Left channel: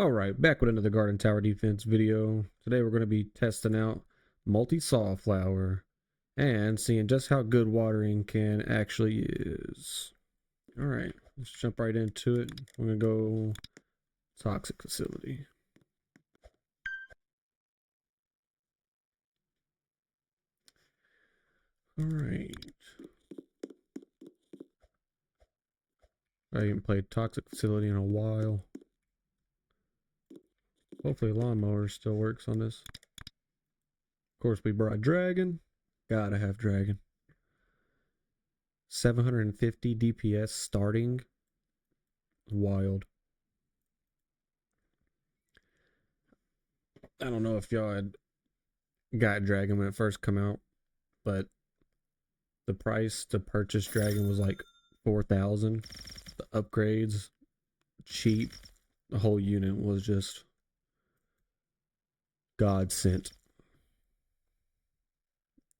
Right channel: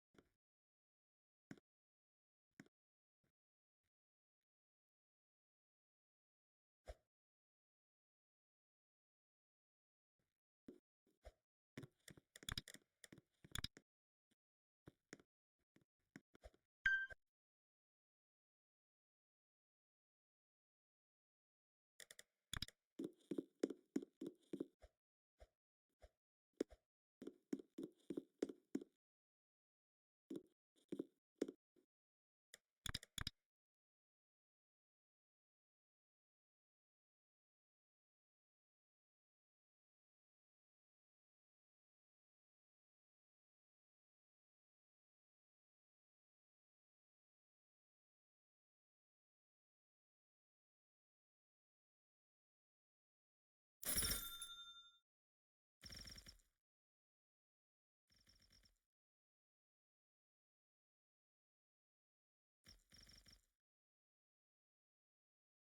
Alright, back with another garden tower defense video. Today we're going to be testing out Multisawflower and seeing just how good watering can actually is. Alright, let's jump right into it. We're going to go toxic facility. Alright. I haven't played toxic facility in a while. Hopefully lawnmower still works on this. Of course we brought dragon. Gotta have dragon. 750 DPS starting. Wild. I don't know if y'all had got dragon when it first come out, but the price to purchase dragon was like 4,000. The upgrades cheap. The whole unit was just God sent.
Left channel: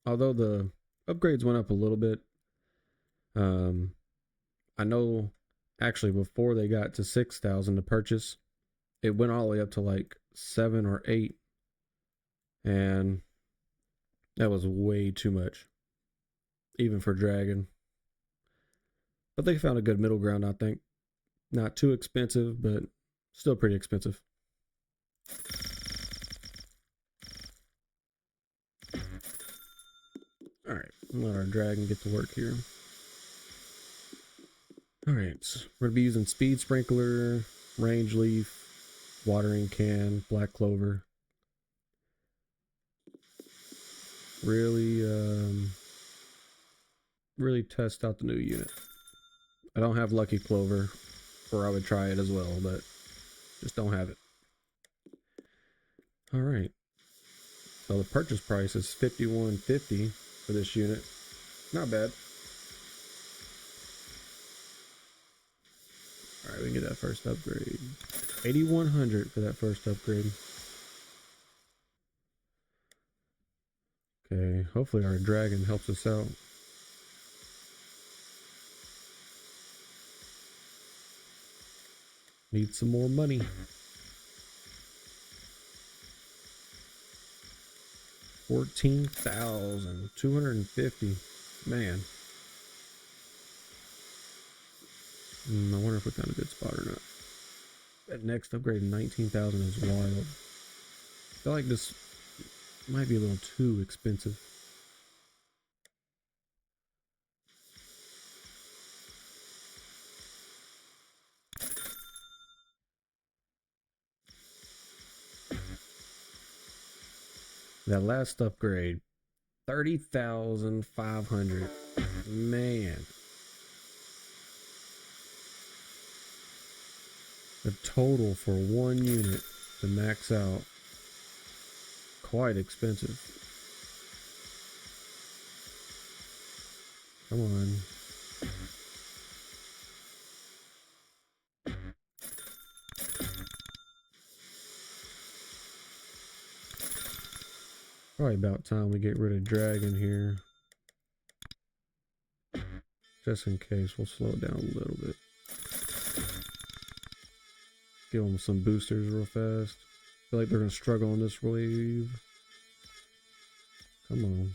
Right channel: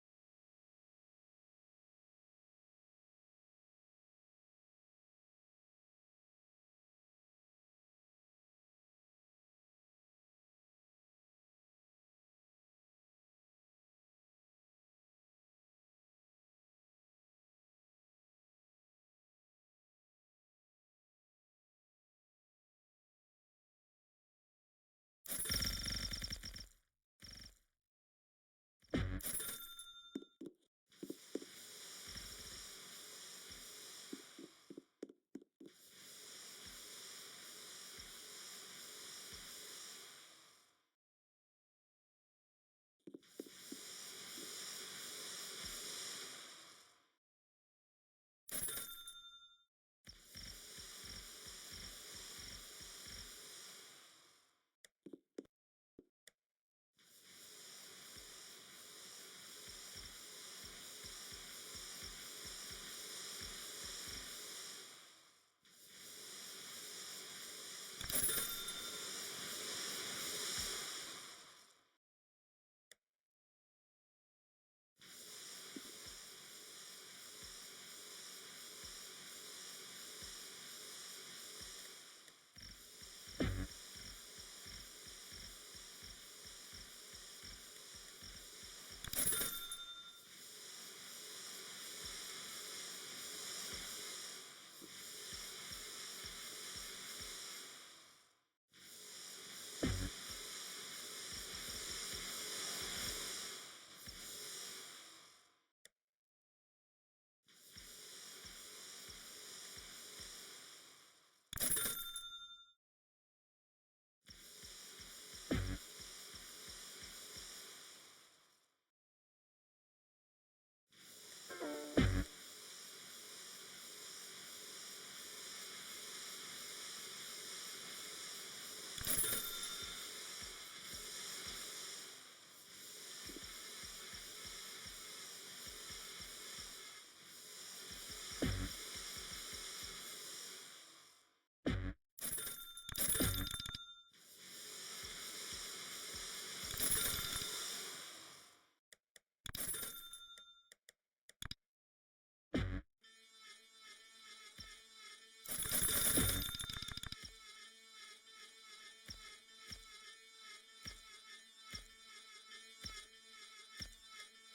Although the upgrades went up a little bit, I know actually before they got to 6,000 to purchase, it went all the way up to like 7 or 8, and that was way too much, even for dragon. But they found a good middle ground, I think. Not too expensive, but still pretty expensive. Alright, let our dragon get to work here. Alright, we're going to be using speed sprinkler, range leaf, watering can, black clover. Really test out the new unit. I don't have lucky clover, or I would try it as well, but just don't have it. Alright, so the purchase price is $51.50 for this unit. Not bad. Alright, we can get that first upgrade. 8,100 for that first upgrade. Okay, hopefully our dragon helps us out. Need some more money. $14,250. Man. I wonder if we found a good spot or not. That next upgrade, 19,000, is wild. I feel like this might be a little too expensive. That last upgrade, 30,500. Man. The total for one unit to max out, quite expensive. Come on. Probably about time we get rid of dragon here. Just in case, we'll slow it down a little bit. Give them some boosters real fast. I feel like they're going to struggle on this wave. Come on.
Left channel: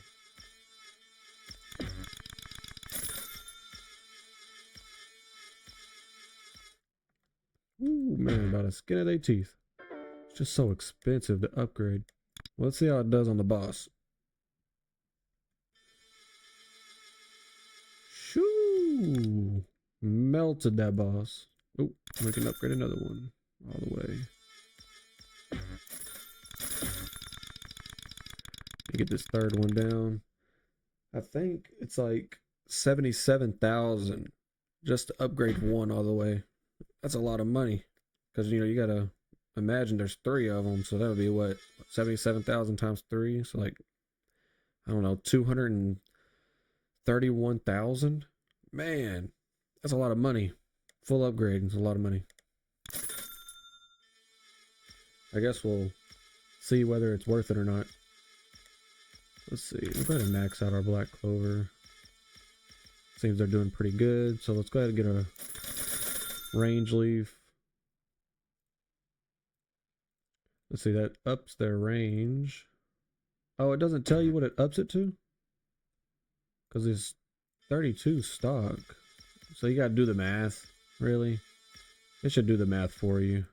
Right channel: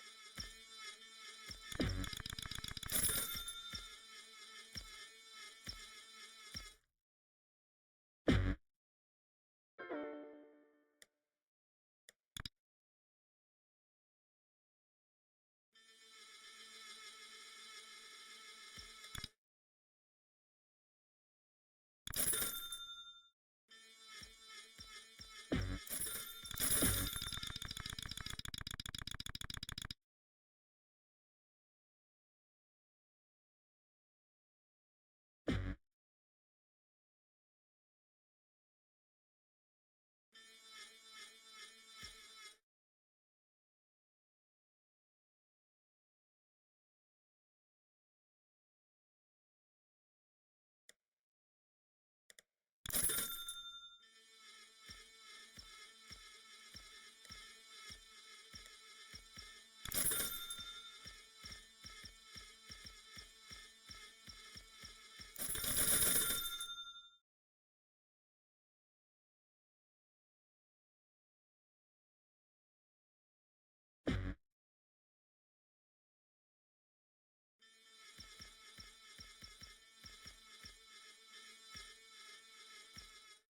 Ooh, man, about the skin of their teeth. It's just so expensive to upgrade. Let's see how it does on the boss. Shoo! Melted that boss. Oh, we can upgrade another one all the way. Get this third one down. I think it's like 77,000 just to upgrade one all the way. That's a lot of money, because you gotta imagine there's 3 of them, so that would be what, 77,000 times 3, so like, I don't know, 231,000. Man, that's a lot of money. Full upgrade is a lot of money. I guess we'll see whether it's worth it or not. Let's see, we're going to max out our black clover. Seems they're doing pretty good, so let's go ahead and get a range leaf. Let's see, that ups their range. Oh, it doesn't tell you what it ups it to? Because it's 32 stock. So you got to do the math, really. It should do the math for you.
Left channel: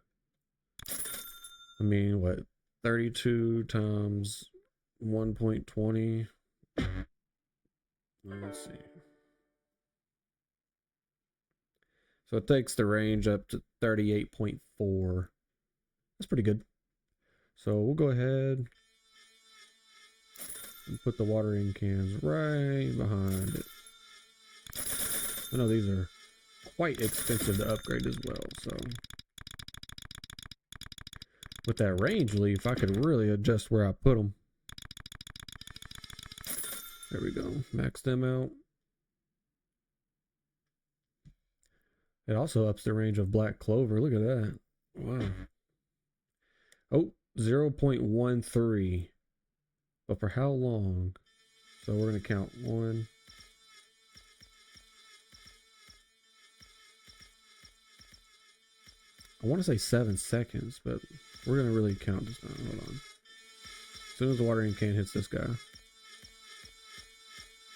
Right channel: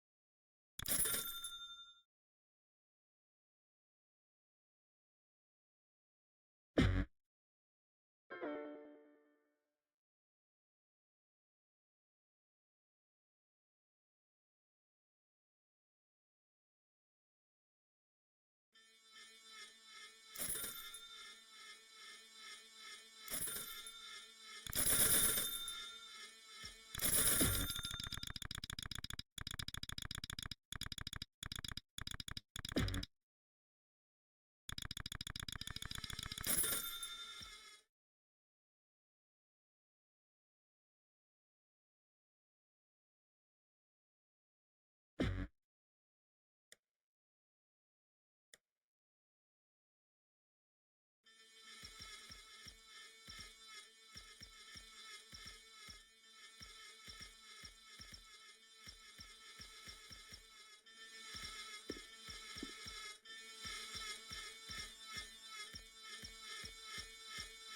I mean, what? 32 times 1.20. Let's see. So it takes the range up to 38.4. That's pretty good. So we'll go ahead and put the watering cans right behind it. I know these are quite expensive to upgrade as well, so with that range leaf, I could really adjust where I put them. There we go. Max them out. It also ups the range of black clover. Look at that. Wow. Oh, 0.13. But for how long? So we're going to count 1. I want to say 7 seconds, but we're going to really count this time. Hold on. As soon as the watering can hits this guy.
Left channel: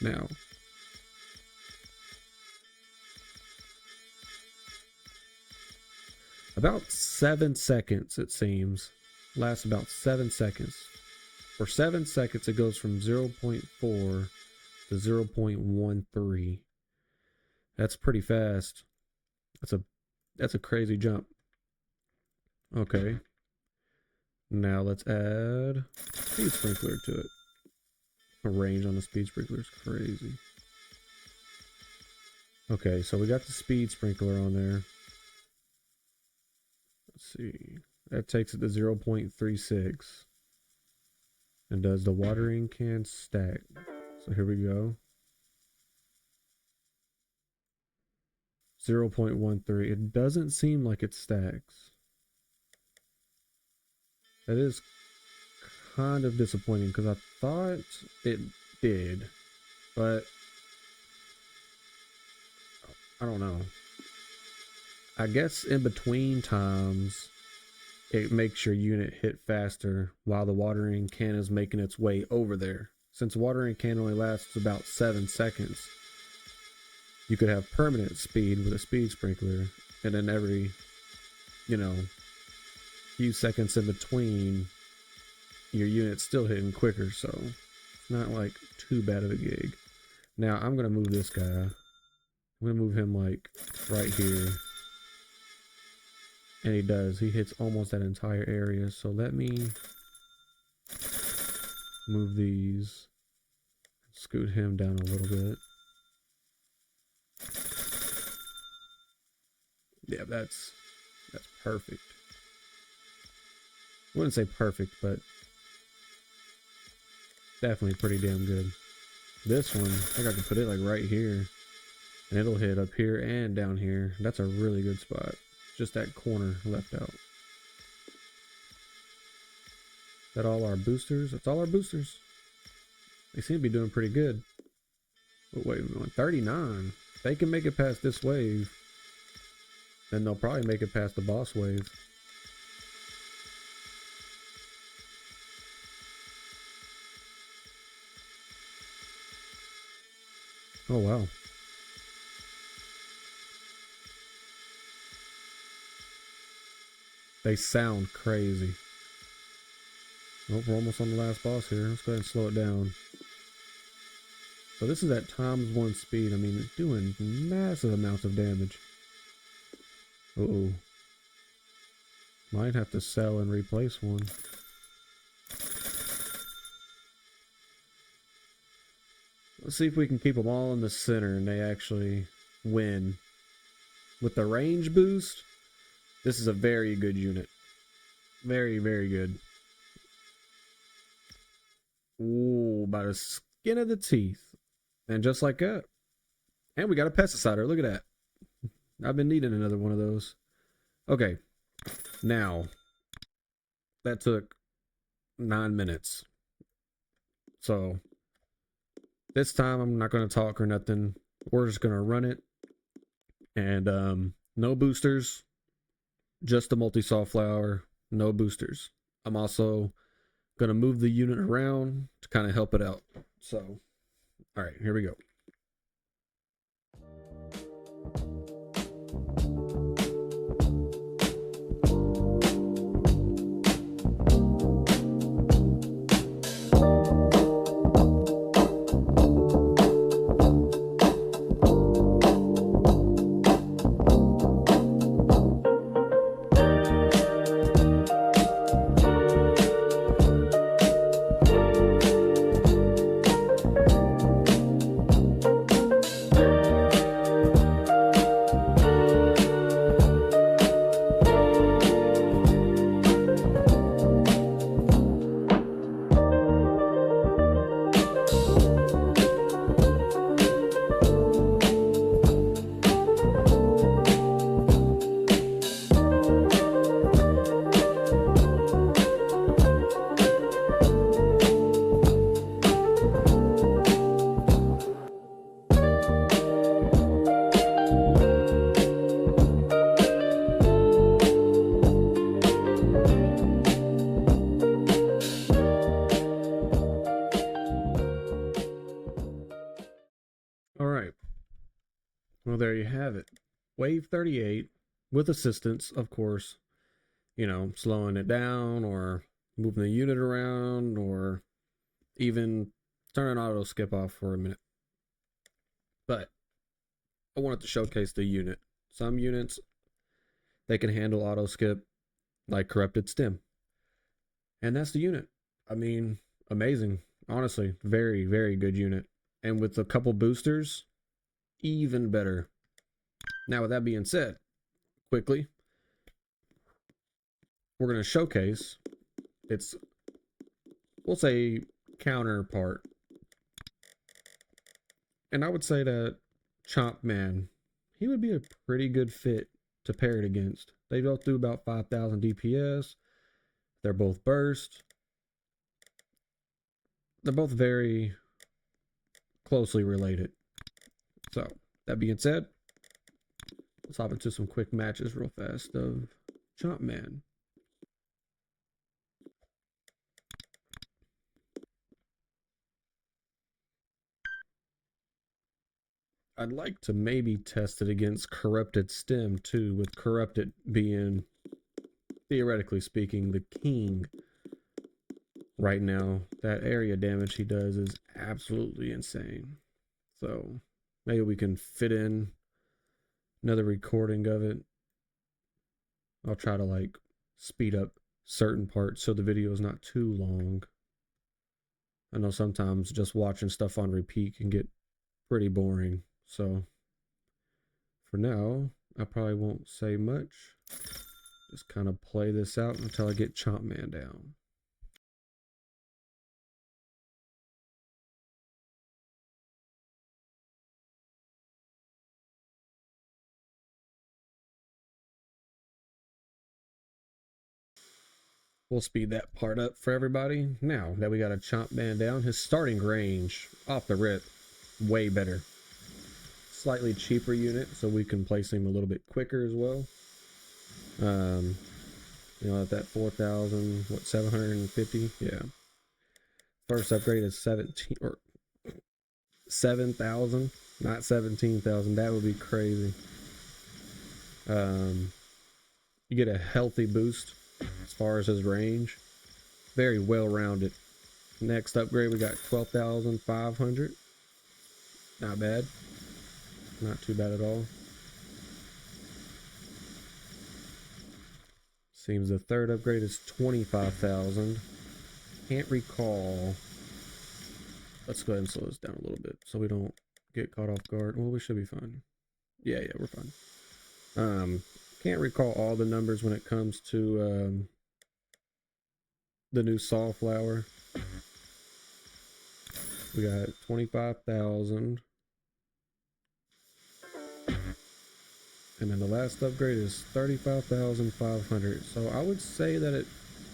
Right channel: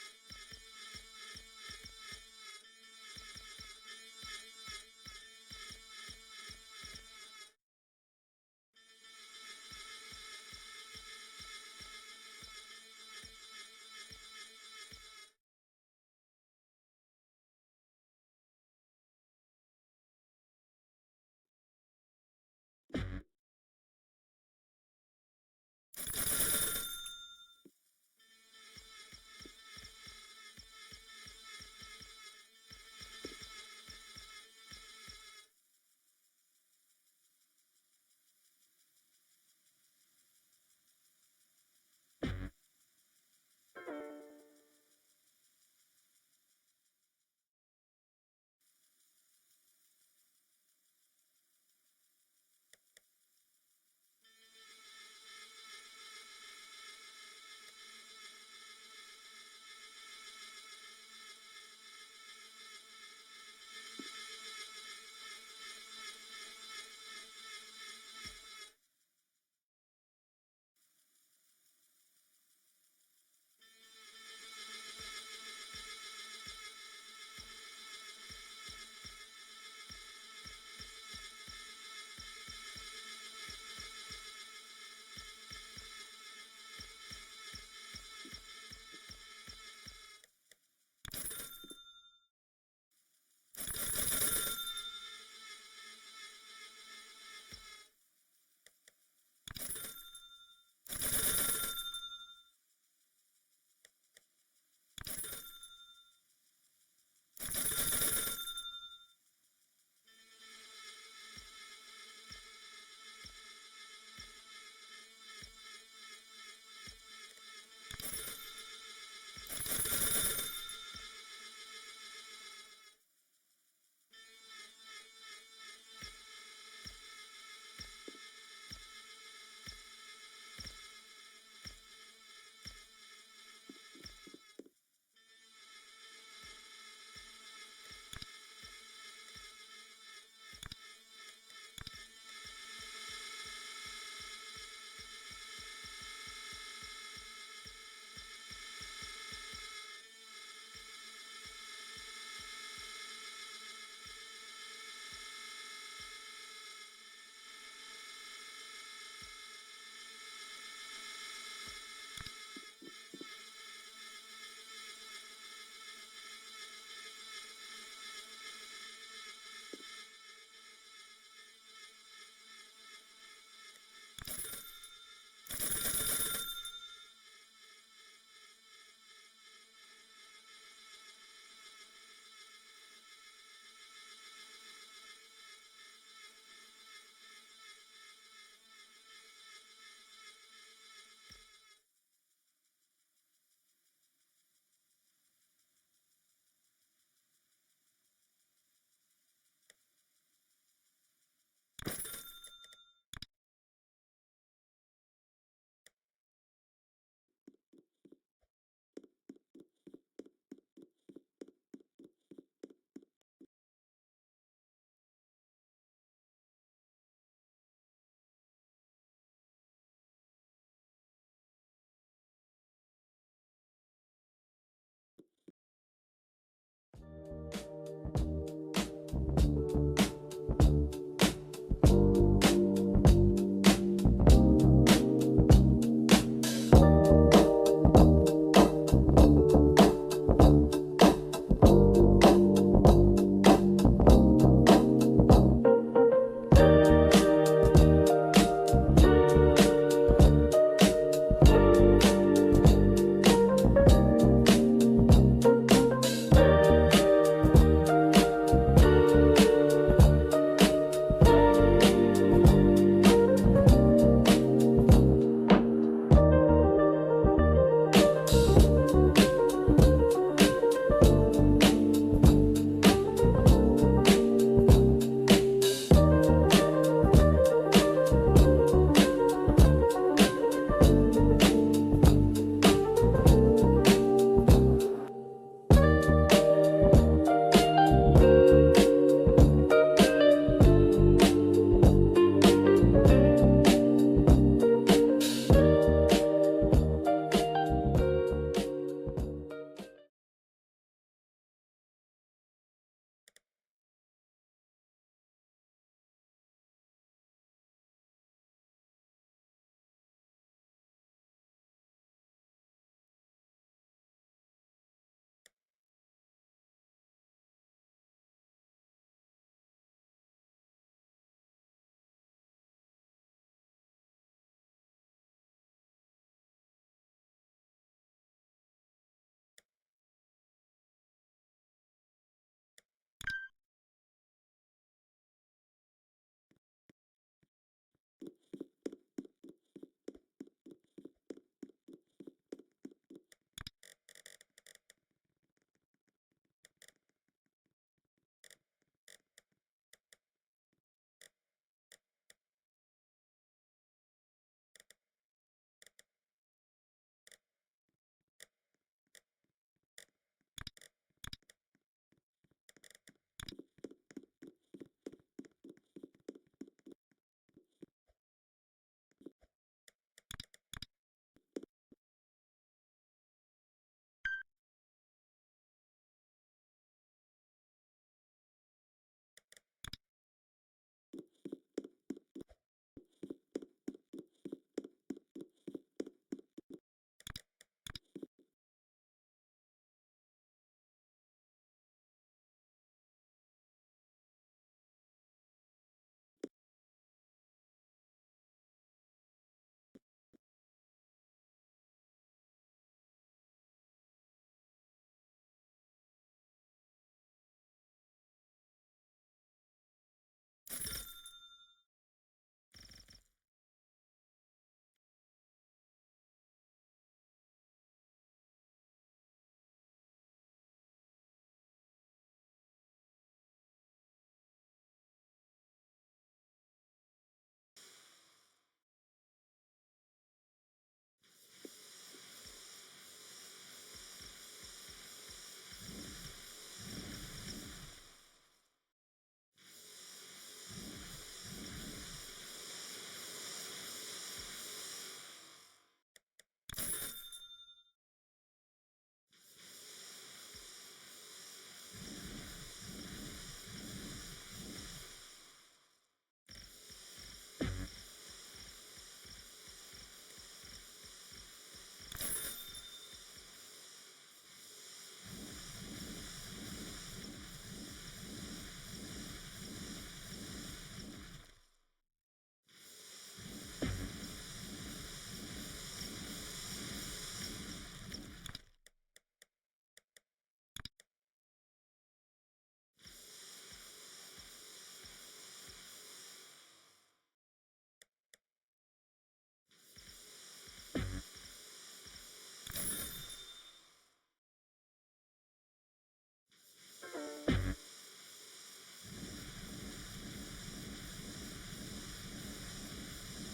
Now. About 7 seconds, it seems. Lasts about 7 seconds. For 7 seconds, it goes from 0.4 to 0.13. That's pretty fast. That's a crazy jump. Okay. Now let's add speed sprinkler to it. The range on the speed sprinkler is crazy. Okay, so we got the speed sprinkler on there. Let's see. That takes it to 0.36. And does the watering can stack? So here we go. 0.13. It doesn't seem like it stacks. That is kind of disappointing because I thought it did, but I don't know. I guess in between times it makes your unit hit faster while the watering can is making its way over there. Since the watering can only lasts about 7 seconds, you could have permanent speed with a speed sprinkler, and then every, few seconds in between, your unit's still hitting quicker, so it's not like too bad of a gig. Now I'm gonna move this guy. I'm gonna move him like right here. And he does. He hits almost that entire area. So let me move these. Scoot him down a little bit. Yeah, that's perfect. I wouldn't say perfect, but definitely pretty damn good. This one, I got to put it like right here. And it'll hit up here and down here. That's a really good spot. Just that corner left out. Is that all our boosters? That's all our boosters. They seem to be doing pretty good. But wait, we're on 39. If they can make it past this wave, then they'll probably make it past the boss wave. Oh wow. They sound crazy. Oh, we're almost on the last boss here. Let's go ahead and slow it down. So this is at ×1 speed. I mean, it's doing massive amounts of damage. Uh-oh. Might have to sell and replace one. Let's see if we can keep them all in the center and they actually win. With the range boost, this is a very good unit. Very, very good. Ooh, by the skin of the teeth. And just like that. And we got a pesticider. Look at that. I've been needing another one of those. Okay. Now, that took 9 minutes. So, this time I'm not going to talk or nothing. We're just going to run it. And no boosters. Just the Multisawflower. No boosters. I'm also going to move the unit around to kind of help it out. So, all right, here we go. All right. Well, there you have it. Wave 38 with assistance, of course, slowing it down or moving the unit around or even turn auto skip off for a minute. But I wanted to showcase the unit. Some units, they can handle auto skip like corrupted stem. And that's the unit. I mean, amazing. Honestly, very, very good unit. And with a couple boosters, even better. Now, with that being said, quickly, we're going to showcase its, we'll say, counterpart. And I would say that Chompman, he would be a pretty good fit to pair it against. They both do about 5,000 DPS. They're both burst. They're both very closely related. So, that being said, let's hop into some quick matches real fast of Chompman. I'd like to maybe test it against Corrupted Stem too, with Corrupted being, theoretically speaking, the king right now. That area damage he does is absolutely insane. So maybe we can fit in another recording of it. I'll try to like speed up certain parts so the video is not too long. I know sometimes just watching stuff on repeat can get pretty boring. So for now, I probably won't say much. Just kind of play this out until I get Chompman down. We'll speed that part up for everybody. Now that we got a Chompman down, his starting range off the rip, way better. Slightly cheaper unit, so we can place him a little bit quicker as well. At that 4,000, what, 750? Yeah. First upgrade is 17 or 7,000, not 17,000. That would be crazy. You get a healthy boost as far as his range. Very well rounded. Next upgrade, we got 12,500. Not bad. Not too bad at all. Seems the third upgrade is 25,000. Can't recall. Let's go ahead and slow this down a little bit so we don't get caught off guard. Well, we should be fine. Yeah, we're fine. Can't recall all the numbers when it comes to the new Sawflower. We got 25,000. And then the last upgrade is 35,500. So I would say that it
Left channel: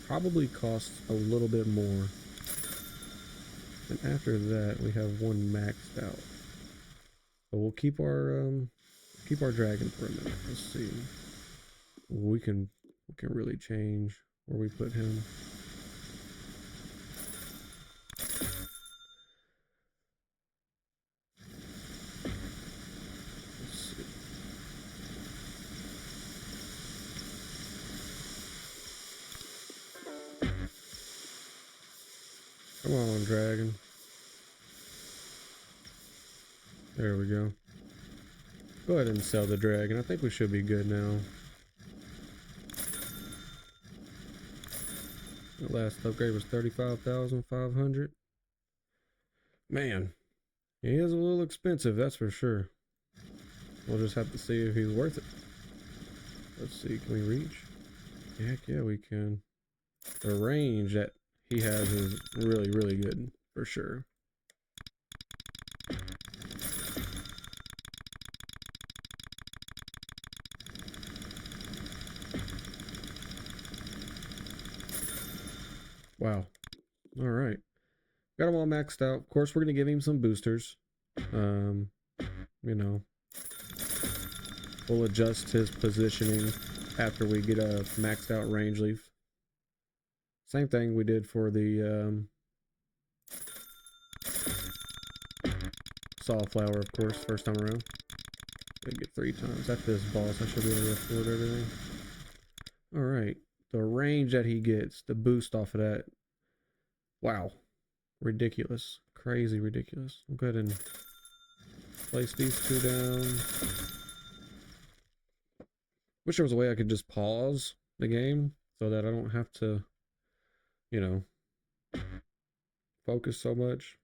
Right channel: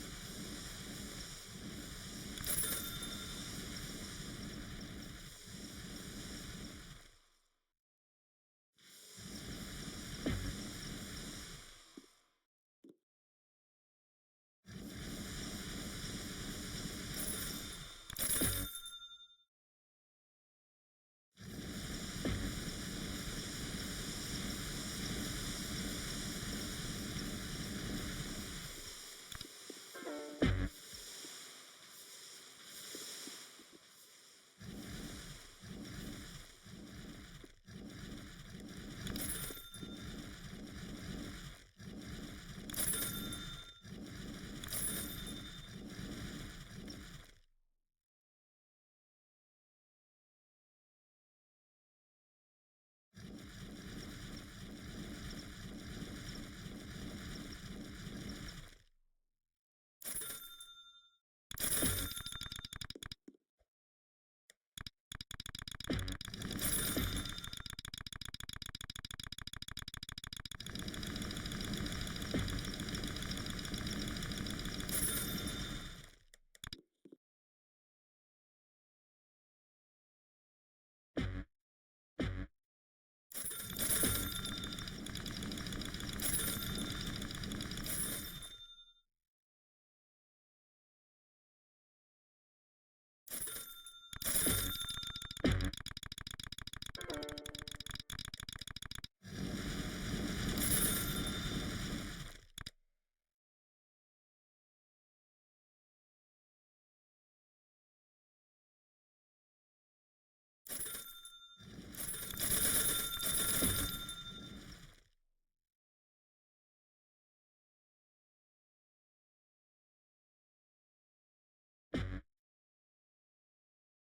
probably costs a little bit more. And after that, we have one maxed out. But we'll keep our dragon for a minute. Let's see. We can really change where we put him. dragon. There we go. Go ahead and sell the dragon. I think we should be good now. The last upgrade was 35,500. Man, he is a little expensive, that's for sure. We'll just have to see if he's worth it. Let's see, can we reach? Heck yeah, we can. The range that he has is really, really good, for sure. Wow. All right. Got him all maxed out. Of course, we're going to give him some boosters. You know, we'll adjust his positioning after we get a maxed out range leaf. Same thing we did for the Sawflower, of course, first time around. We get 3 times. That's this boss. I should be able to afford everything. Alright. The range that he gets, the boost off of that. Wow. Ridiculous. Crazy ridiculous. I'll go ahead and place these 2 down. Wish there was a way I could just pause the game so that I don't have to, you know, focus so much.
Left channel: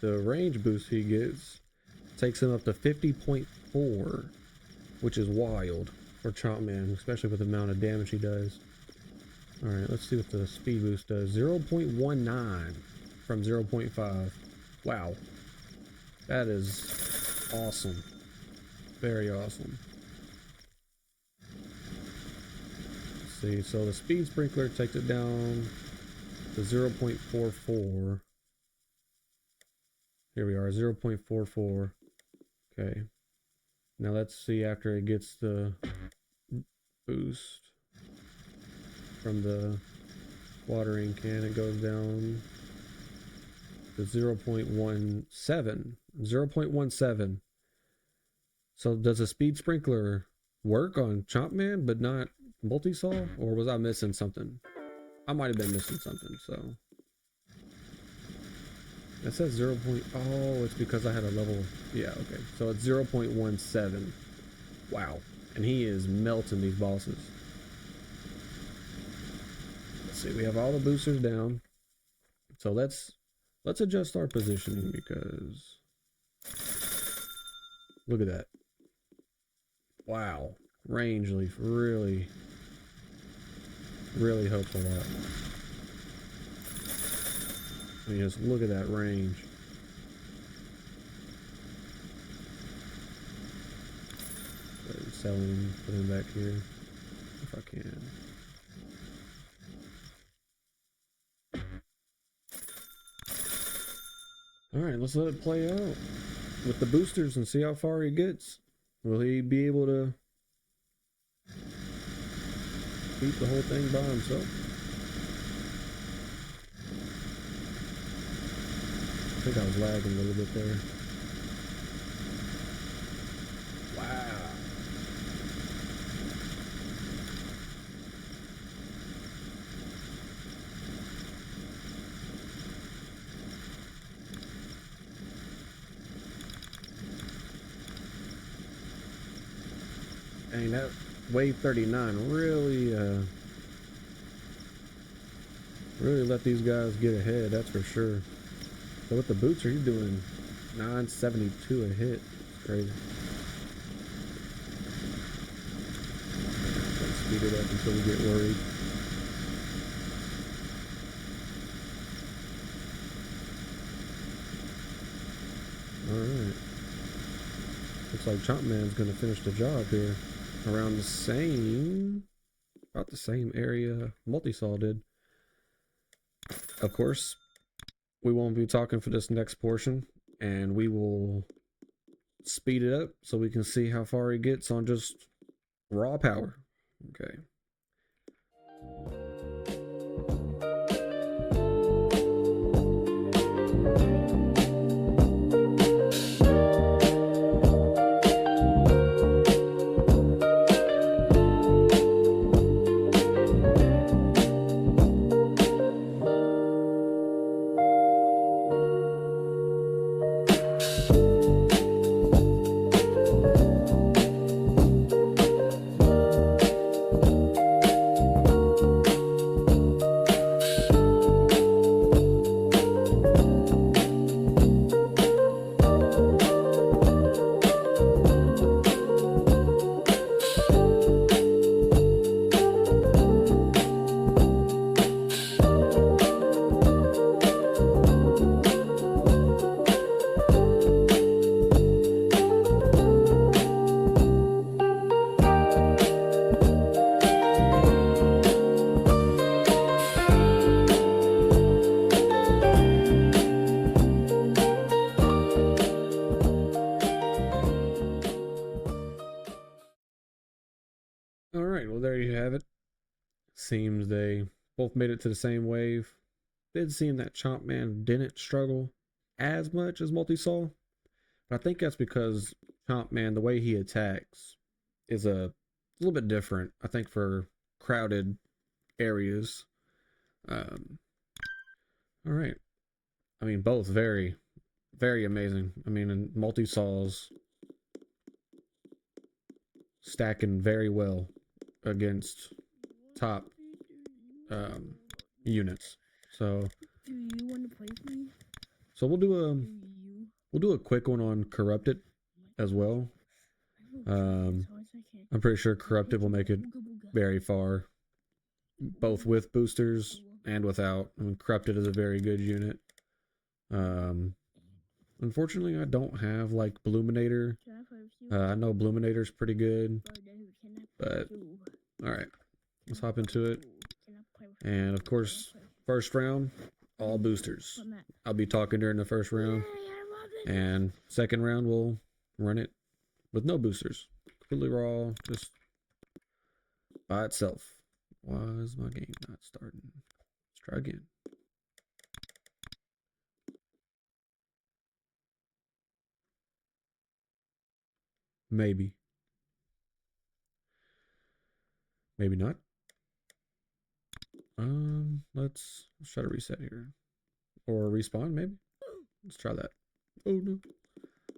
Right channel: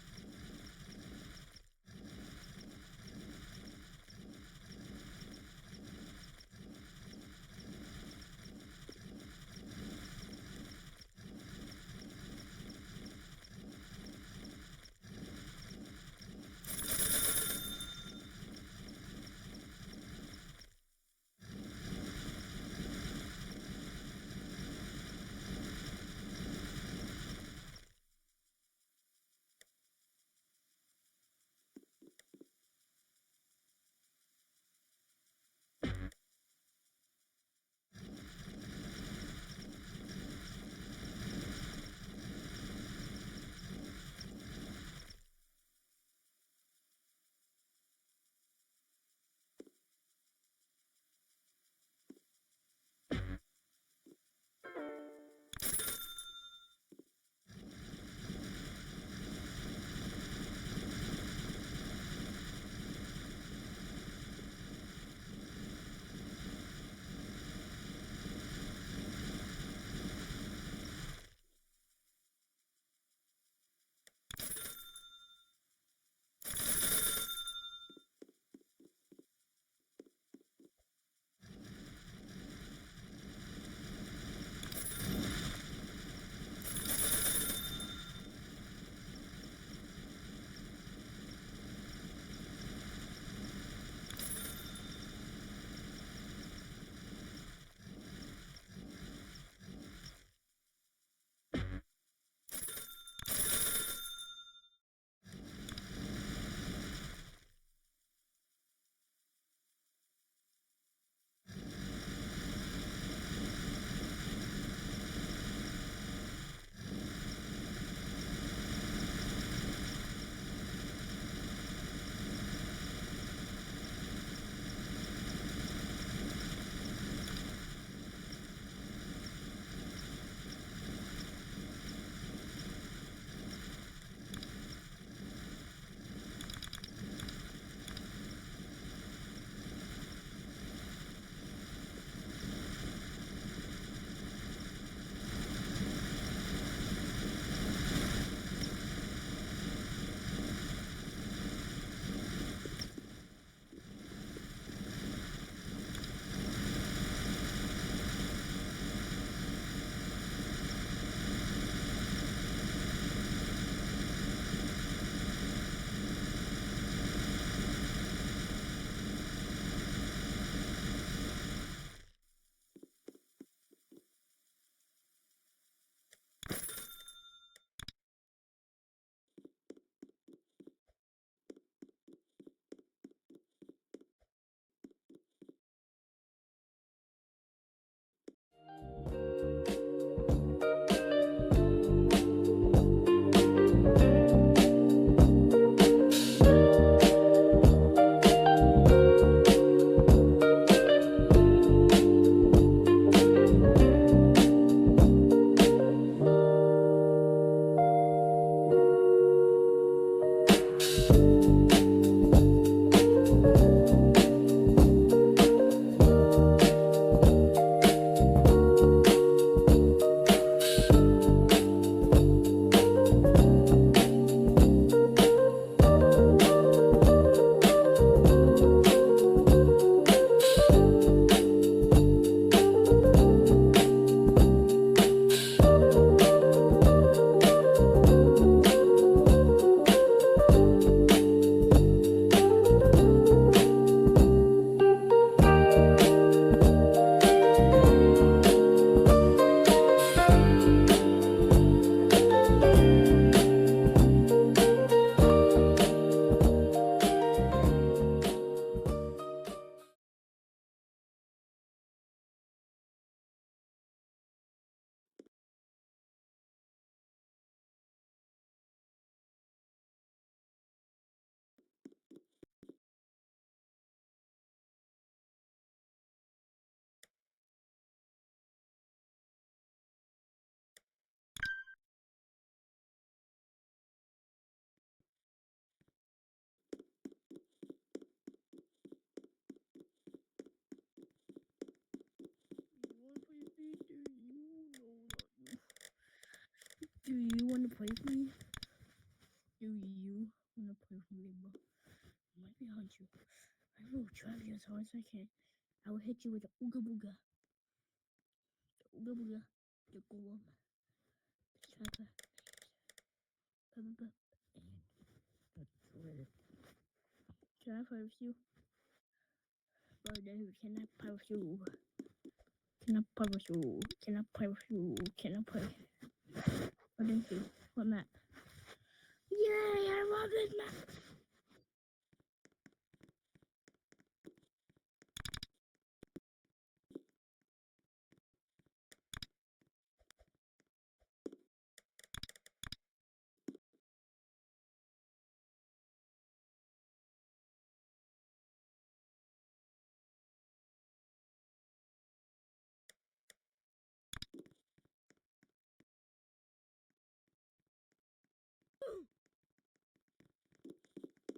The range boost he gets takes him up to 50.4, which is wild for chompman, especially with the amount of damage he does. Alright, let's see what the speed boost does. 0.19 from 0.5. Wow. That is awesome. Very awesome. Let's see, so the speed sprinkler takes it down to 0.44. Here we are, 0.44. Okay. Now let's see after it gets the boost from the watering can, it goes down to 0.17. 0.17. So does a speed sprinkler work on chompman but not multisaw? Or was I missing something? I might have been missing something, so. It says 0. Oh, it's because I had a level. Yeah, okay. So it's 0.17. Wow. And he is melting these bosses. Let's see, we have all the boosters down. So let's adjust our positioning because look at that. Wow. Range leaf really, really helps a lot. And just look at that range. Sell him, put him back here if I can. Alright, let's let it play out with the boosters and see how far he gets. Will he be able to beat the whole thing by himself? I think I was lagging a little bit there. Wow. Dang, that wave 39 really let these guys get ahead, that's for sure. So with the boots, he's doing 972 a hit. Crazy. Let's speed it up until we get worried. Alright. Looks like chompman's gonna finish the job here. Around the same, about the same area Multisaw did. Of course, we won't be talking for this next portion, and we will speed it up so we can see how far he gets on just raw power. Okay. seems they both made it to the same wave. It did seem that Chompman didn't struggle as much as Multisaw, but I think that's because Chompman, the way he attacks, is a little bit different. I think for crowded areas. All right. I mean, both very, very amazing. I mean, and Multisaw's stacking very well against top units. So do you want to play with me? So we'll do a quick one on Corrupted as well. I'm pretty sure Corrupted will make it very far, both with boosters and without. I mean, Corrupted is a very good unit. Unfortunately, I don't have like Bluminator. I know Bluminator's pretty good, but all right, let's hop into it. And of course, first round, all boosters. I'll be talking during the first round, and second round we'll run it with no boosters, completely raw, just by itself. Why is my game not starting? Let's try again. Maybe. Maybe not. Let's try to reset here. Or respawn, maybe? Let's try that. Oh no.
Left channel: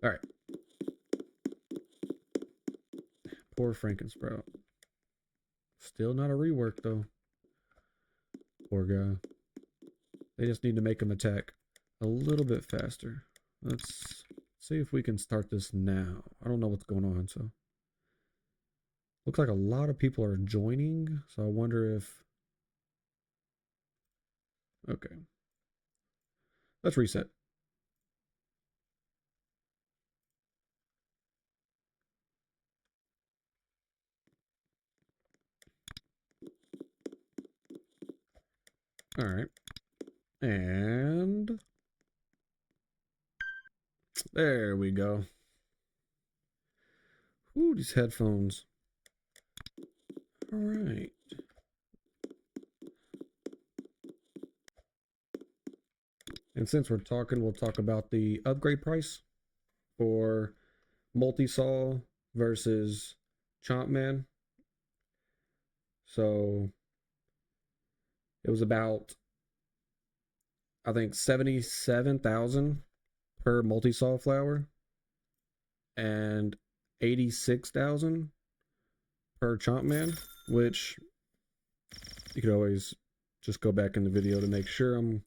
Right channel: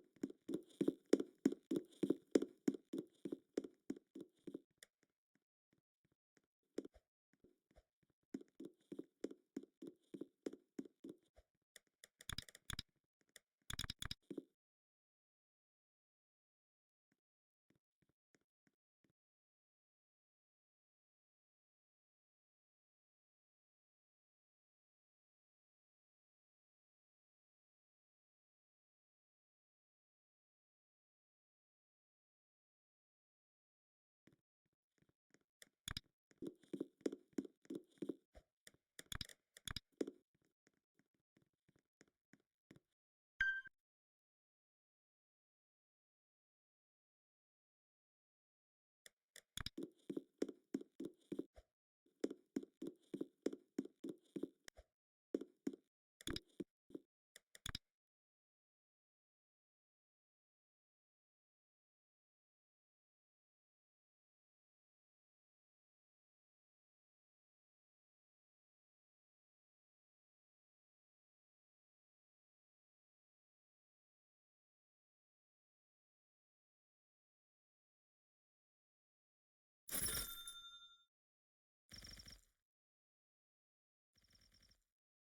Alright. Poor Frankensprout. Still not a rework though. Poor guy. They just need to make him attack a little bit faster. Let's see if we can start this now. I don't know what's going on, so. Looks like a lot of people are joining, so I wonder if... Okay. Let's reset. All right. And there we go. Ooh, these headphones. All right. And since we're talking, we'll talk about the upgrade price for Multisaw versus Chompman. So it was about, I think, 77,000 per Multisawflower and 86,000 per Chompman, which you could always just go back in the video to make sure I'm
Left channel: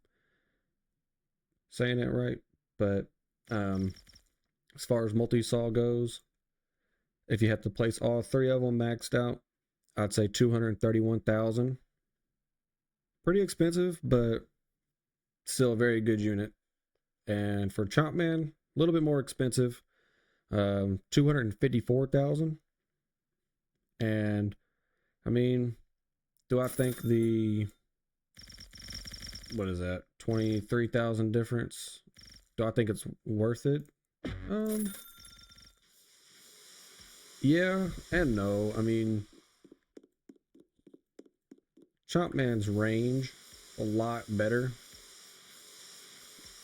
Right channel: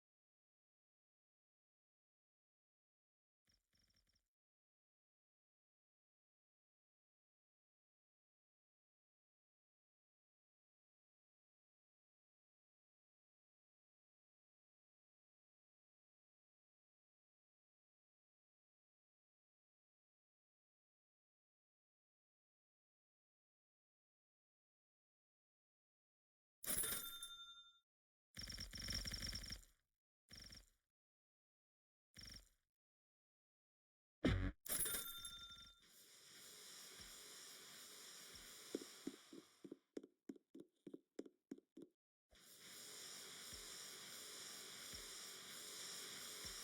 saying it right. But as far as Multisaw goes, if you have to place all three of them maxed out, I'd say 231,000. Pretty expensive, but still a very good unit. And for Chompman, a little bit more expensive, 254,000. And I mean, do I think the, what is that, 23,000 difference? Do I think it's worth it? Yeah and no. I mean, Chompman's range a lot better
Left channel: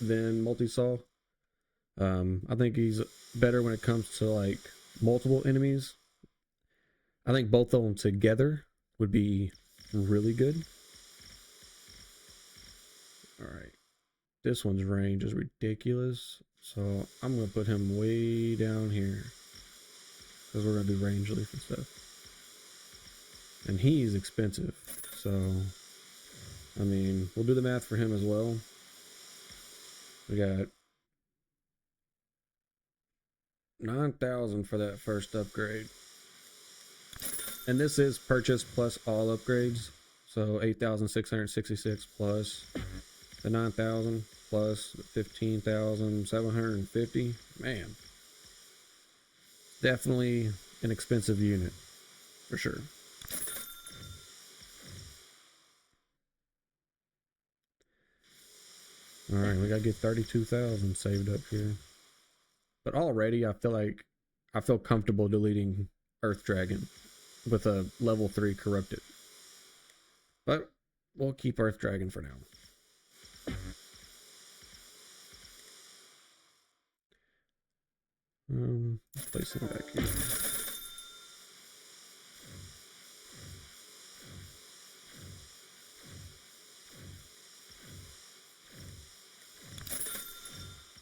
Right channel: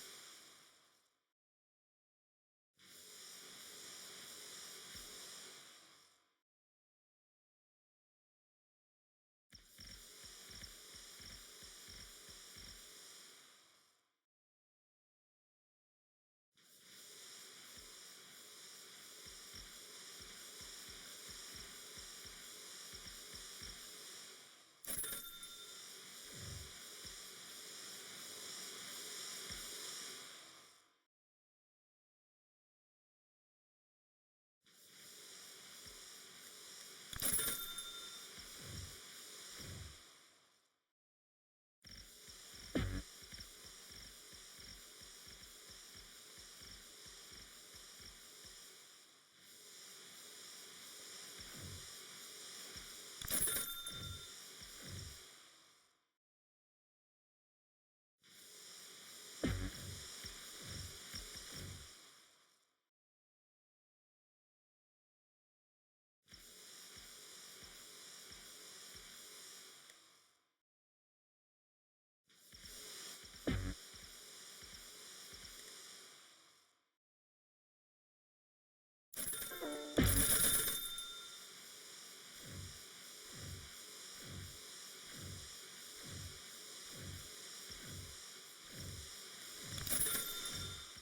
than Multisaw. I think he's better when it comes to like multiple enemies. I think both of them together would be really good. All right, this one's range is ridiculous, so I'm gonna put him way down here because we're gonna do range leaf and stuff. And he's expensive, so I mean, we'll do the math for him as well. We got 9,000 for that first upgrade. And this is purchase plus all upgrades. So 8,666 plus the 9,000 plus 15,750. Man, definitely an expensive unit for sure. All right, we gotta get 32,000 saved up here. But already, I feel comfortable deleting Earth Dragon with a level 3 corrupted. But we'll keep Earth Dragon for now. Place it back here.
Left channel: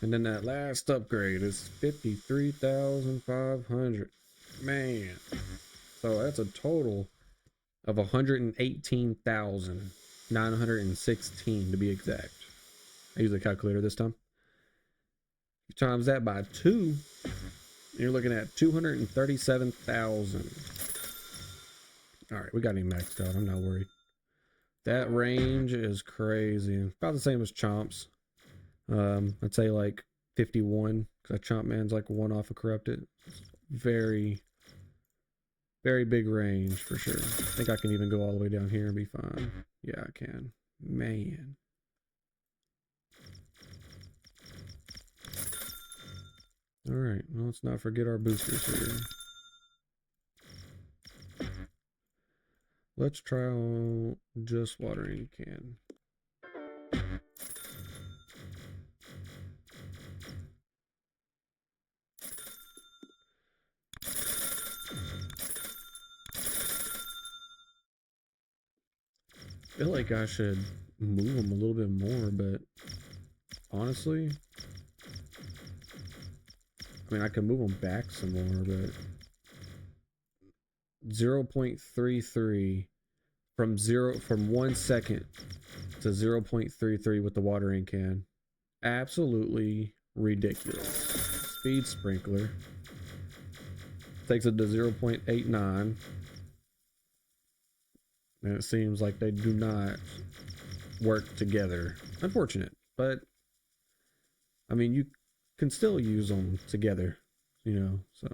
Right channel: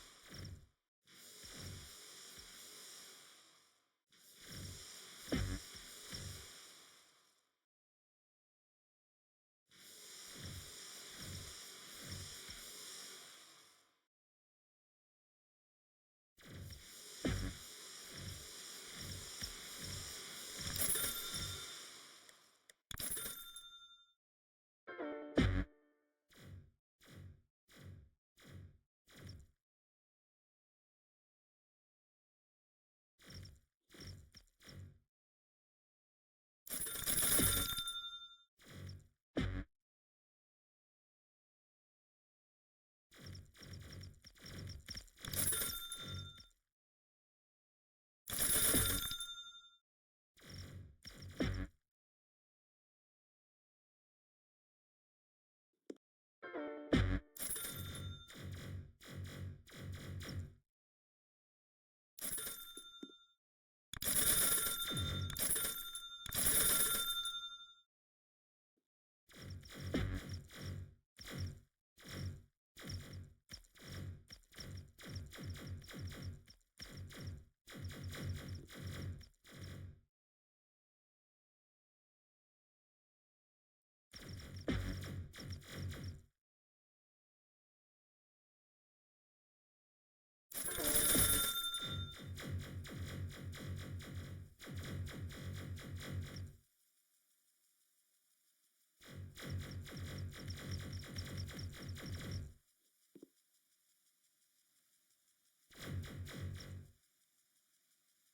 And then that last upgrade is 53,500. Man. So that's a total of 118,916 to be exact. I use a calculator this time. You times that by 2, you're looking at 237,000. Alright, we got him maxed out. I'm not worried. That range is crazy. About the same as Chomp's. I'd say like 51, because Chompman's like one off of Corrupted. Very, very big range for sure. I think I can even go all the way down here and be fine. Yeah, I can. Man. Alright, well, let's not forget our boosters here. Let's try on just watering can. I feel like I should move them a little bit more, but honestly, I mean, I can move them back some more, but 0.33 from 1 second to 0.33 with the watering can. Absolutely ridiculous. Speed sprinkler takes it to 0.89. And it seems like they do not work together. Unfortunate, but I mean, you can still use them together, you know, so.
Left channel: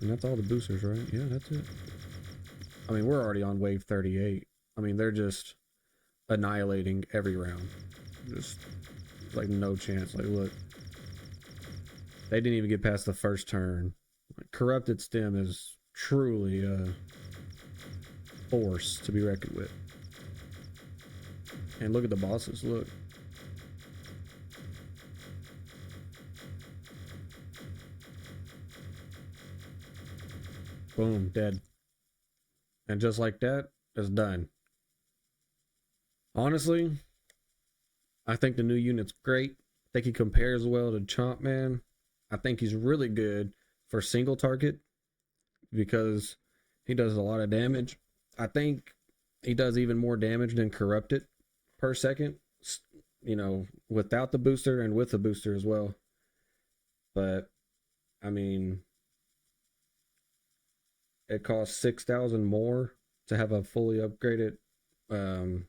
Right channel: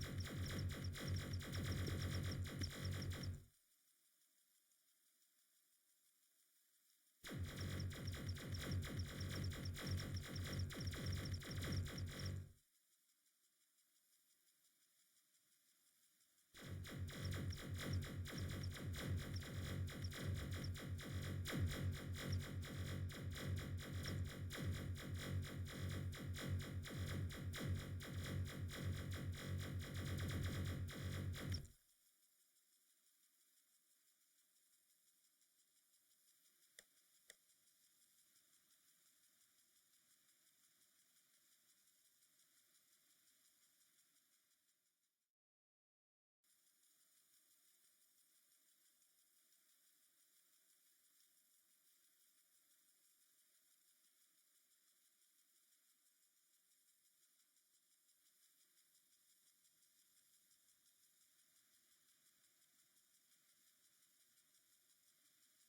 And that's all the boosters, right? Yeah, that's it. I mean, we're already on wave 38. I mean, they're just annihilating every round. Just like no chance. Like, look, they didn't even get past the first turn. Like, Corrupted Stem is truly a force to be reckoned with. And look at the bosses. Look. Boom, dead. And just like that, it's done. Honestly, I think the new unit's great. I think he compares well to Chompman. I think he's really good for single target because he does a lot of damage. I think he does even more damage than Corrupted per second, you know, without the booster and with the booster as well. But I mean, it costs 6,000 more to have a fully upgraded um,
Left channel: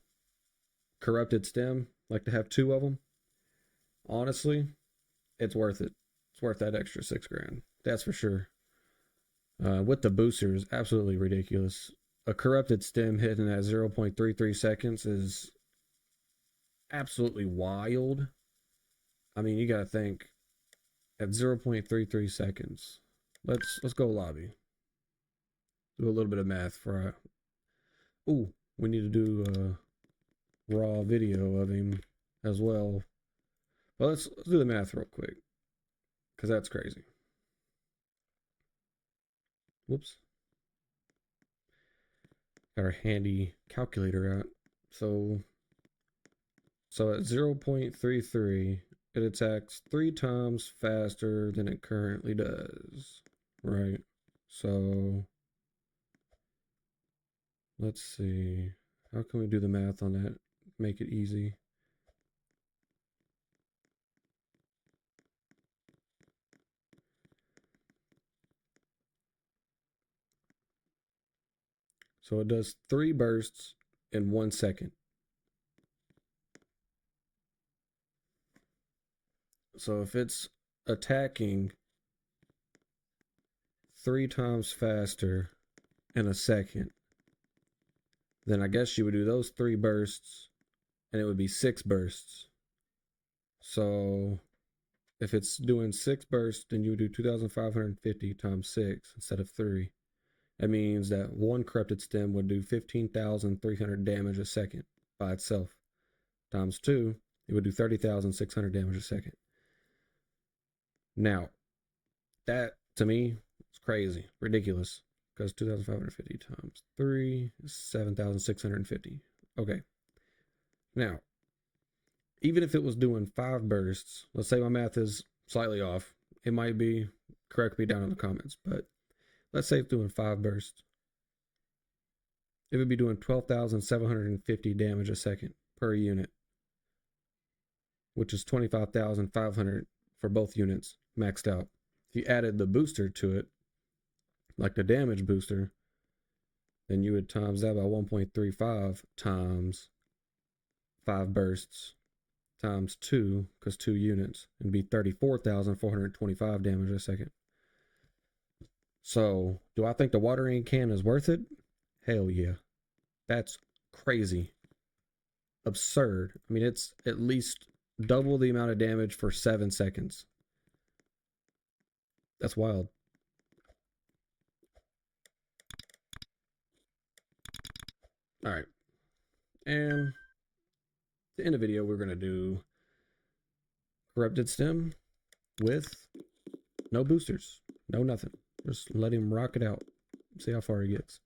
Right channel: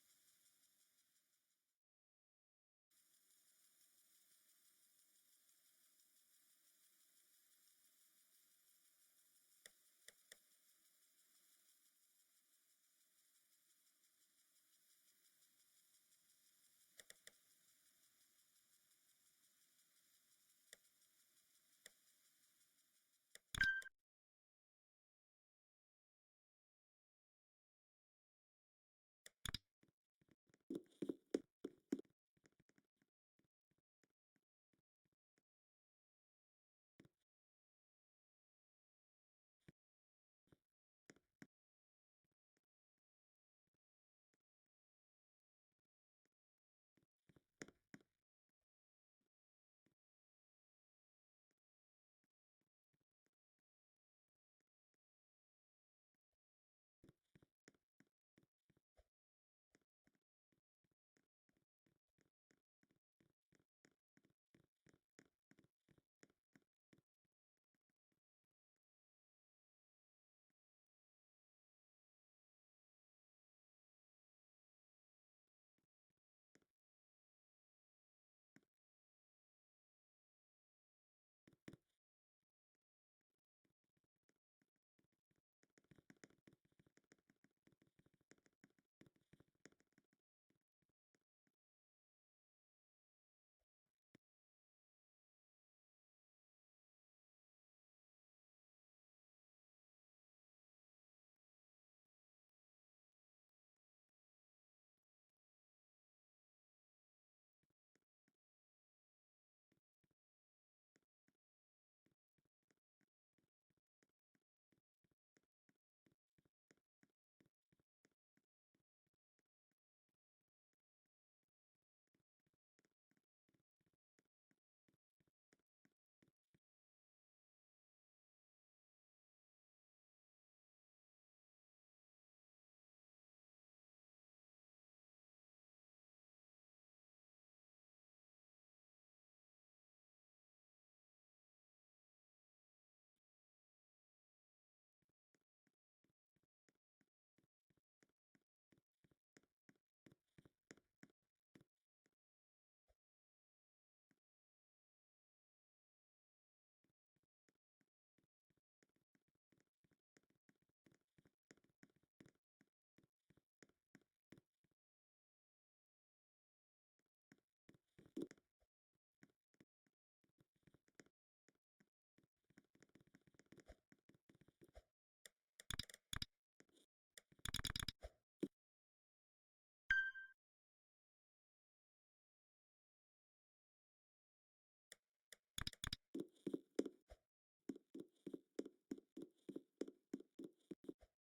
Corrupted Stem, like to have 2 of them. Honestly, it's worth it. It's worth that extra 6 grand. That's for sure. With the boosters, absolutely ridiculous. A Corrupted Stem hitting at 0.33 seconds is absolutely wild. I mean, you gotta think at 0.33 seconds. Let's go lobby. Do a little bit of math for. Ooh, we need to do a raw video of him as well. Well, let's do the math real quick because that's crazy. Whoops. Got our handy calculator out. So at 0.33, it attacks 3 times faster than it currently does. Right. So let's see. How can we do the math on that? Make it easy. So it does 3 bursts in 1 second. So if it's attacking 3 times faster in a second, then I guess you would do those 3 bursts and it would be 6 bursts. So if it's doing 6 bursts, then you would do 2,550 times 6 instead of 3. That means that one corrupted stem would do 15,300 damage a second by itself. Times 2, it would do 30,600 damage a second. Now, that to me is crazy, ridiculous, because 2,550 times 3 is 7,650. Okay. Now, even if it was doing 5 bursts, let's say my math is slightly off, it might be, correct me down in the comments, but let's say it's doing 5 bursts. It would be doing 12,750 damage a second per unit, which is 25,500 for both units maxed out. If you added the booster to it, like the damage booster, then you would times that by 1.35 times 5 bursts times 2, because 2 units, and be 34,425 damage a second. So, do I think the watering can is worth it? Hell yeah. That's crazy. Absurd. I mean, it's at least double the amount of damage for 7 seconds. That's wild. Alright. And to end the video, we're going to do corrupted stem with no boosters. No nothing. Just let him rock it out. See how far he gets.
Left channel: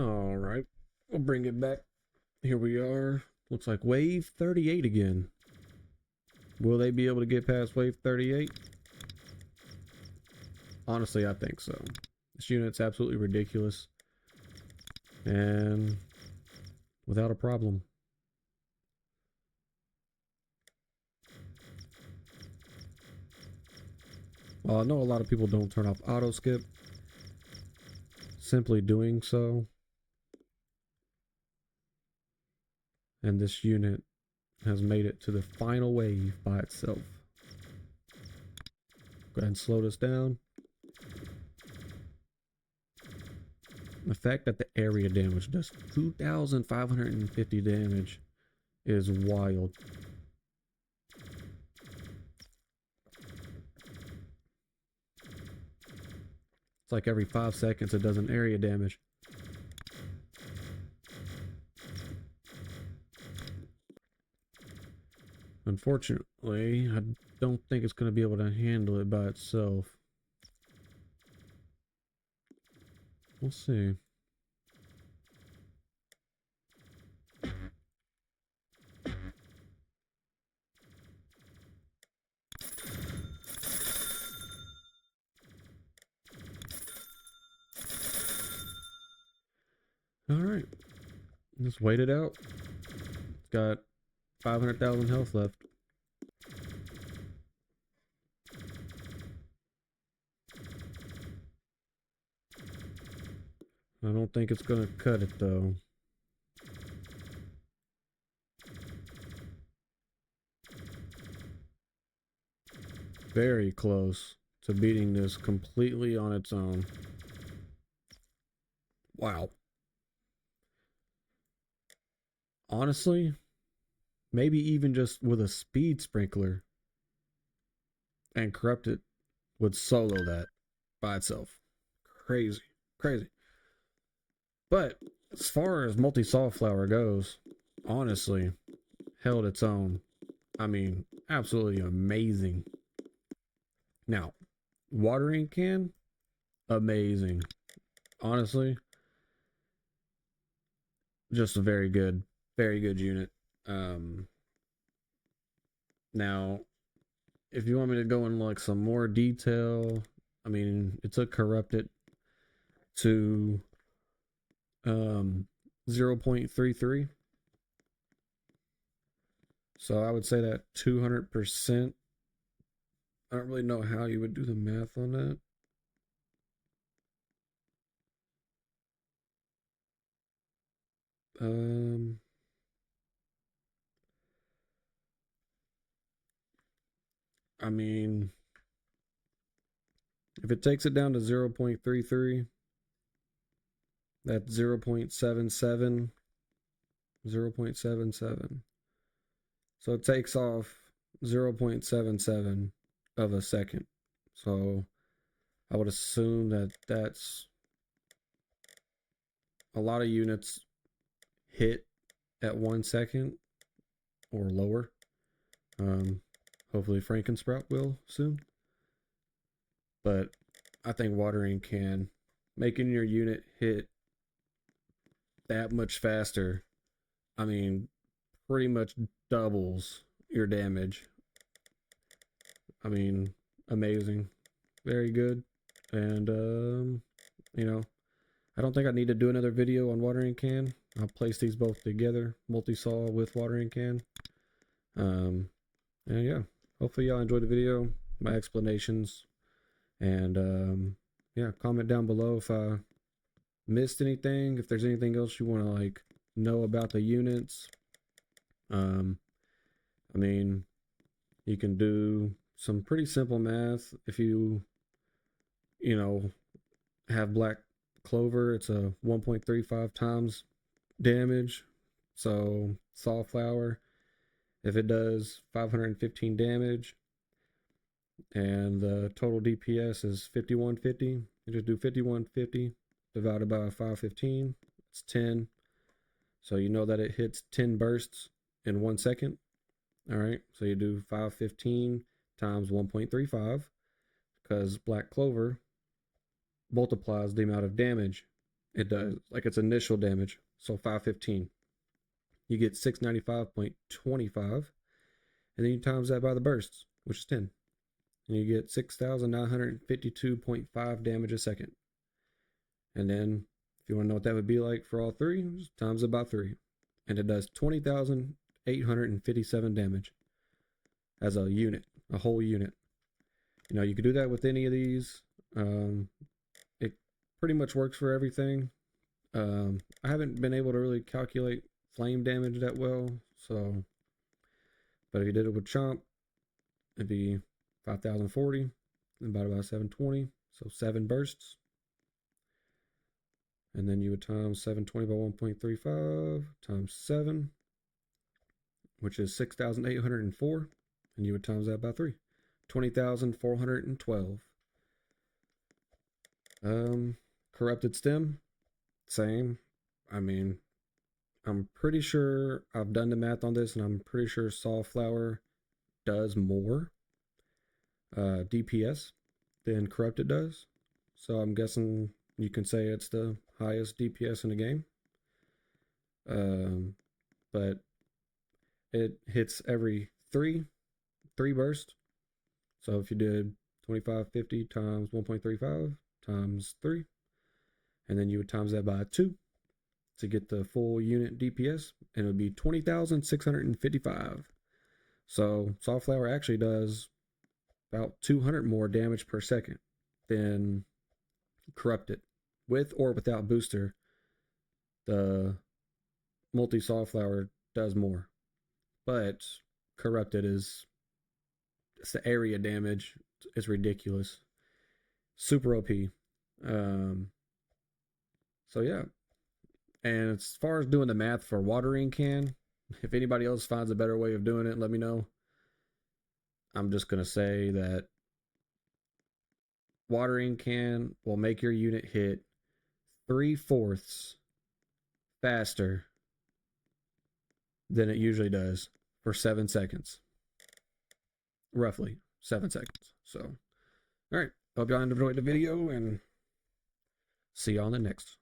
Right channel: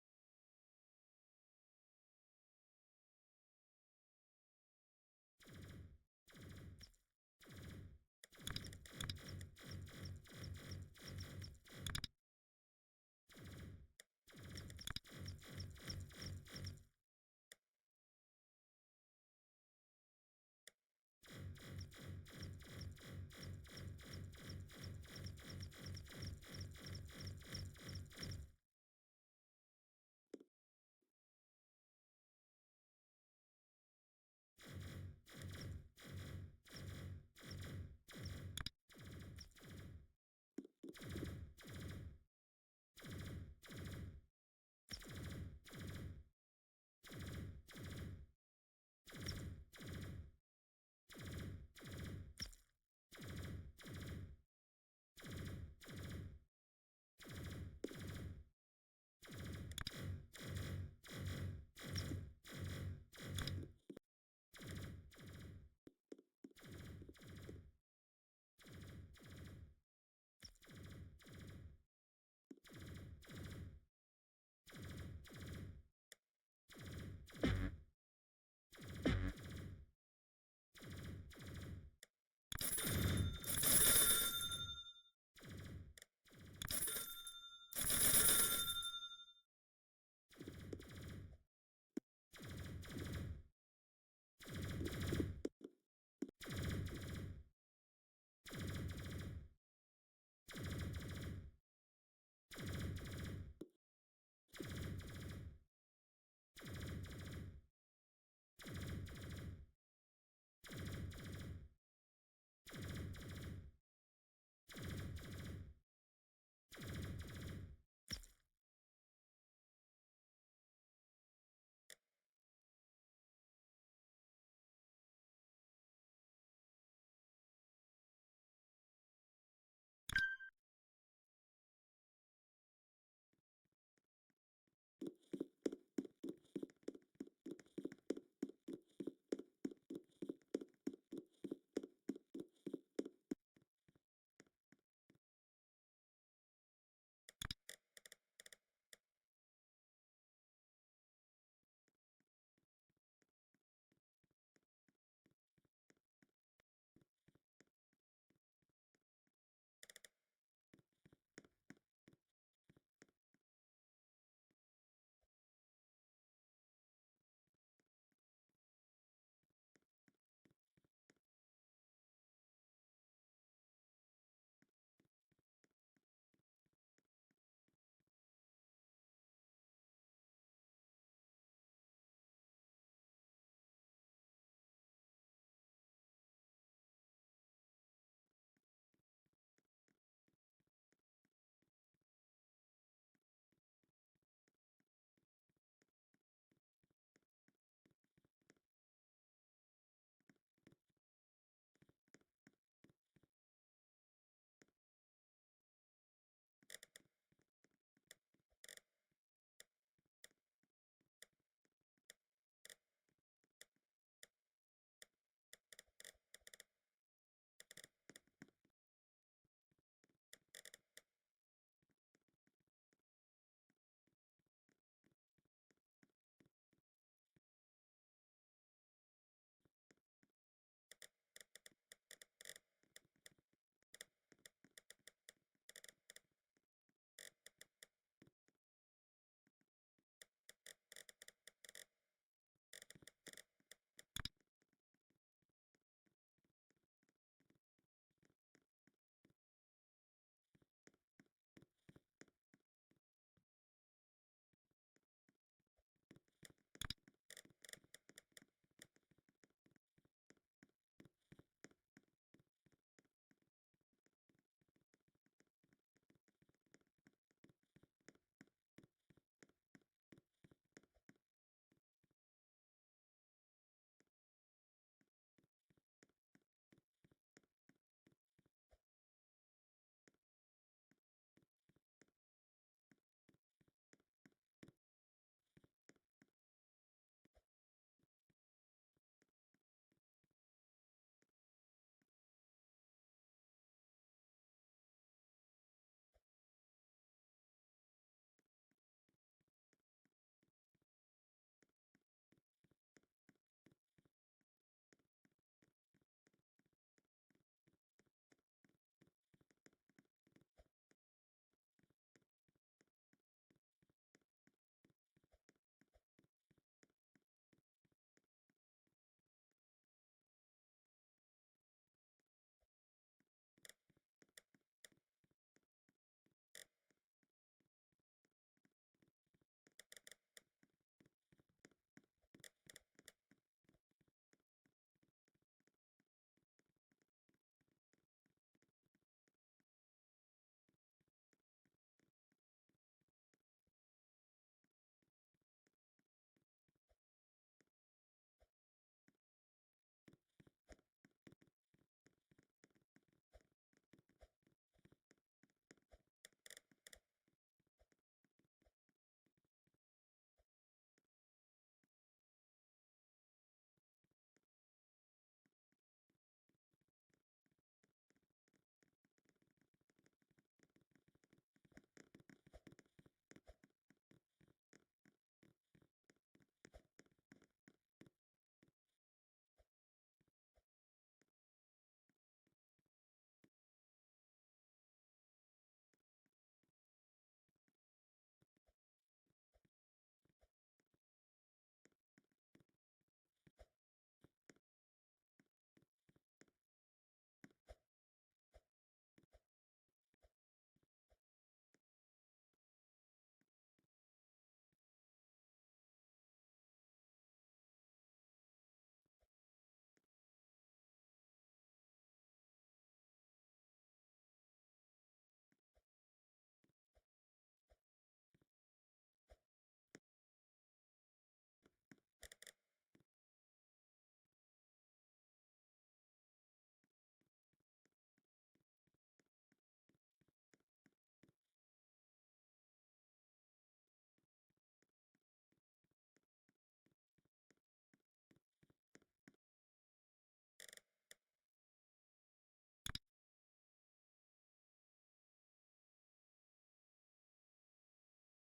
All right, we'll bring it back. Here we are. Looks like wave 38 again. Will they be able to get past wave 38? Honestly, I think so. This unit's absolutely ridiculous. And without a problem. Well, I know a lot of people don't turn off auto skip. Simply doing so, and this unit has made it to the final wave by itself. Go ahead and slow this down. The fact that the area damage does 2,550 damage is wild. It's like every 5 seconds it does an area damage. Unfortunately, I don't think it's going to be able to handle it by itself. We'll see. Alright. Just wait it out. It's got 500,000 health left. I don't think it's gonna cut it though. Very close to beating this completely on its own. Wow. Honestly, maybe even just with a speed sprinkler and corrupted would solo that by itself. Crazy. Crazy. But as far as Multisawflower goes, honestly, held its own. I mean, absolutely amazing. Now, watering can, amazing. Honestly, just a very good unit. Um, Now, if you want me to go in like some more detail, I mean, it took corrupted to 0.33. So I would say that 200%. I don't really know how you would do the math on that. Um, I mean, if it takes it down to 0.33, that's 0.77. 0.77. So it takes off 0.77 of a second. So I would assume that that's a lot of units hit at 1 second or lower. Hopefully Frankensprout will soon. But I think watering can, making your unit hit that much faster, I mean, pretty much doubles your damage. I mean, amazing. Very good. And, you know, I don't think I need to do another video on watering can. I'll place these both together, multi-saw with watering can. And yeah, hopefully y'all enjoyed the video, my explanations, and yeah, comment down below if I missed anything, if there's anything else you want to like know about the units. I mean, you can do some pretty simple math if you know, have black clover. It's a 1.35 times damage. So Sawflower, if it does 515 damage and the total DPS is 5150, you just do 5150 divided by 515. It's 10. So you know that it hits 10 bursts in 1 second. All right. So you do 515 times 1.35 because black clover multiplies the amount of damage it does, like its initial damage. So 515. You get 695.25, and then you times that by the bursts, which is 10. And you get 6,952.5 damage a second. And then, if you want to know what that would be like for all three, just times it by 3. And it does 20,857 damage as a unit, a whole unit. You know, you could do that with any of these. It pretty much works for everything. I haven't been able to really calculate flame damage that well, so, but if you did it with Chomp, it'd be 5,040 divided by 720, so 7 bursts. And then you would times 720 by 1.35 times 7, which is 6,804, and you would times that by 3, 20,412. Corrupted stem, same. I mean, I'm pretty sure I've done the math on this, and I'm pretty sure Sawflower does more DPS than Corrupted does. So I'm guessing you can say it's the highest DPS in the game. But it hits every three bursts. So if you did 2550 times 1.35 times 3, and then you would times that by 2 to get the full unit DPS, and it would be 20,655. So Sawflower actually does about 200 more damage per second than Corrupted. With or without booster, the Multisawflower does more. But Corrupted is, it's the area damage. It's ridiculous. Super OP. So yeah. And as far as doing the math for watering can, if anybody else finds a better way of doing it, let me know. I'm just going to say that watering can will make your unit hit 3/4 faster than it usually does for 7 seconds. Roughly 7 seconds. So, all right. Hope y'all enjoyed the video, and see you on the next.